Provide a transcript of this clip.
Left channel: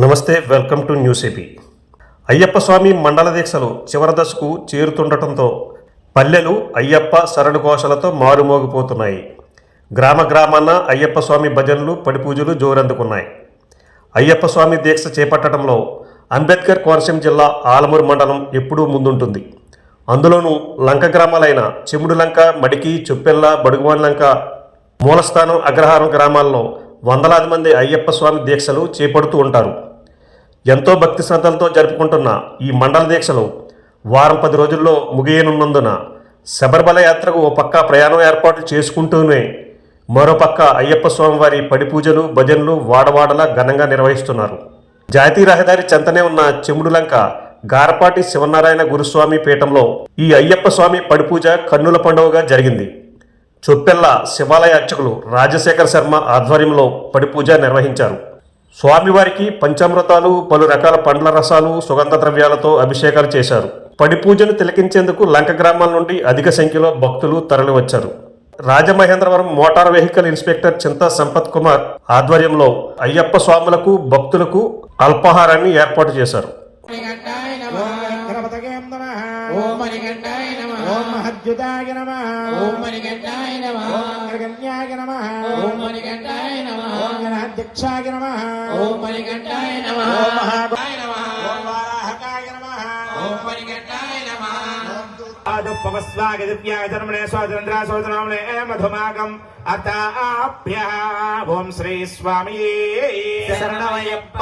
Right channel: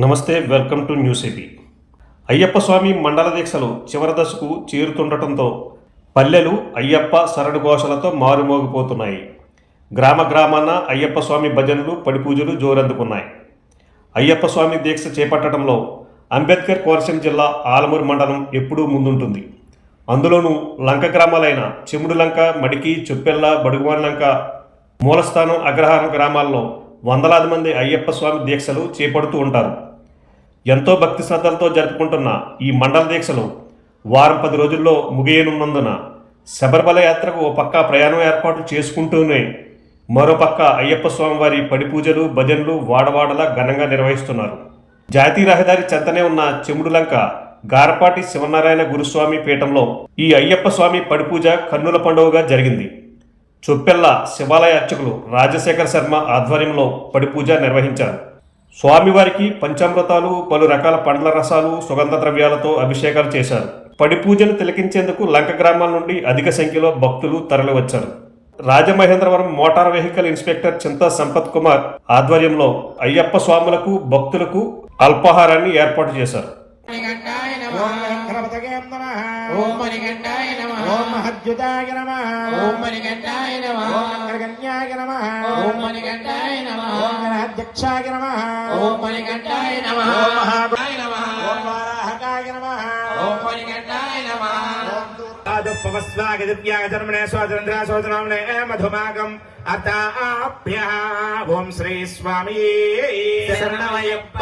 నమస్తే welcome to news AP. Ayyappa Swamy మండల దీక్షలు చివరి దశకు చేరుతుండటంతో పల్లెలు అయ్యప్ప సరడు ఘోషలతో మారుమోగిపోతున్నాయి. గ్రామ గ్రామాన అయ్యప్ప స్వామి భజనలు పడిపూజలు జోరందుకున్నాయి. అయ్యప్ప స్వామి దీక్ష చేపట్టడంలో అంబేద్కర్ కోనసీమ జిల్లా ఆలమూరు మండలం ఎప్పుడూ ముందుంటుంది. అందులోనూ లంక గ్రామాలైన చెముడు లంక మడికి చొప్పెల్ల బడుగువాన్ లంక మూలస్థానం అగ్రహారం గ్రామాల్లో వందలాది మంది అయ్యప్ప స్వామి దీక్షలు చేపడుతూ ఉంటారు. ఎంతో భక్తి శ్రద్ధలతో జరుపుకుంటున్న ఈ మండల దీక్షలు వారం పది రోజుల్లో ముగియనున్నందున శబరిమల యాత్రకు ఓ పక్క ప్రయాణం ఏర్పాట్లు చేసుకుంటూనే మరో పక్క అయ్యప్ప స్వామి వారి పడి పూజలు భజనలు వాడవాడలా ఘనంగా నిర్వహిస్తున్నారు. జాతీయ రహదారి చెంతనే ఉన్న చెముడులంక గారపాటి శివనారాయణ గురుస్వామి పీఠంలో ఈ అయ్యప్ప స్వామి పడిపూజ కన్నుల పండుగగా జరిగింది. చొప్పెల్ల శివాలయ అర్చకులు రాజశేఖర శర్మ ఆధ్వర్యంలో పడిపూజ నిర్వహించారు. స్వామివారికి పంచామృతాలు పలు రకాల పండ్ల రసాలు సుగంధ ద్రవ్యాలతో అభిషేకాలు చేశారు. పడి పూజను తిలకించేందుకు లంక గ్రామాల నుండి అధిక సంఖ్యలో భక్తులు తరలివచ్చారు. Rajamahendravaram motor vehicle inspector Chinta Sampath Kumar ఆధ్వర్యంలో అయ్యప్ప స్వాములకు భక్తులకు అల్పాహారాన్ని ఏర్పాటు చేశారు. మణికంఠాయ నమః ఓం మహద్యుతాయ నమః ఓం మణికంఠాయ నమః ఓం గణగణ్యాయ నమః ఓం మణికంఠాయ నమః ఓం గణాధ్యక్షాయ నమః ఓం మణికంఠాయ నమః ఓం మహాయ నమః ఓం వారాహకాయ నమః ఓం మణికంఠాయ నమః ఆదుపవస్వాగదివ్యాచరమణే సోదరంద్ర సోదరమణే మధుమాగం అతాభ్య ఓం శ్రీ స్వామి శరణమయ్యప్ప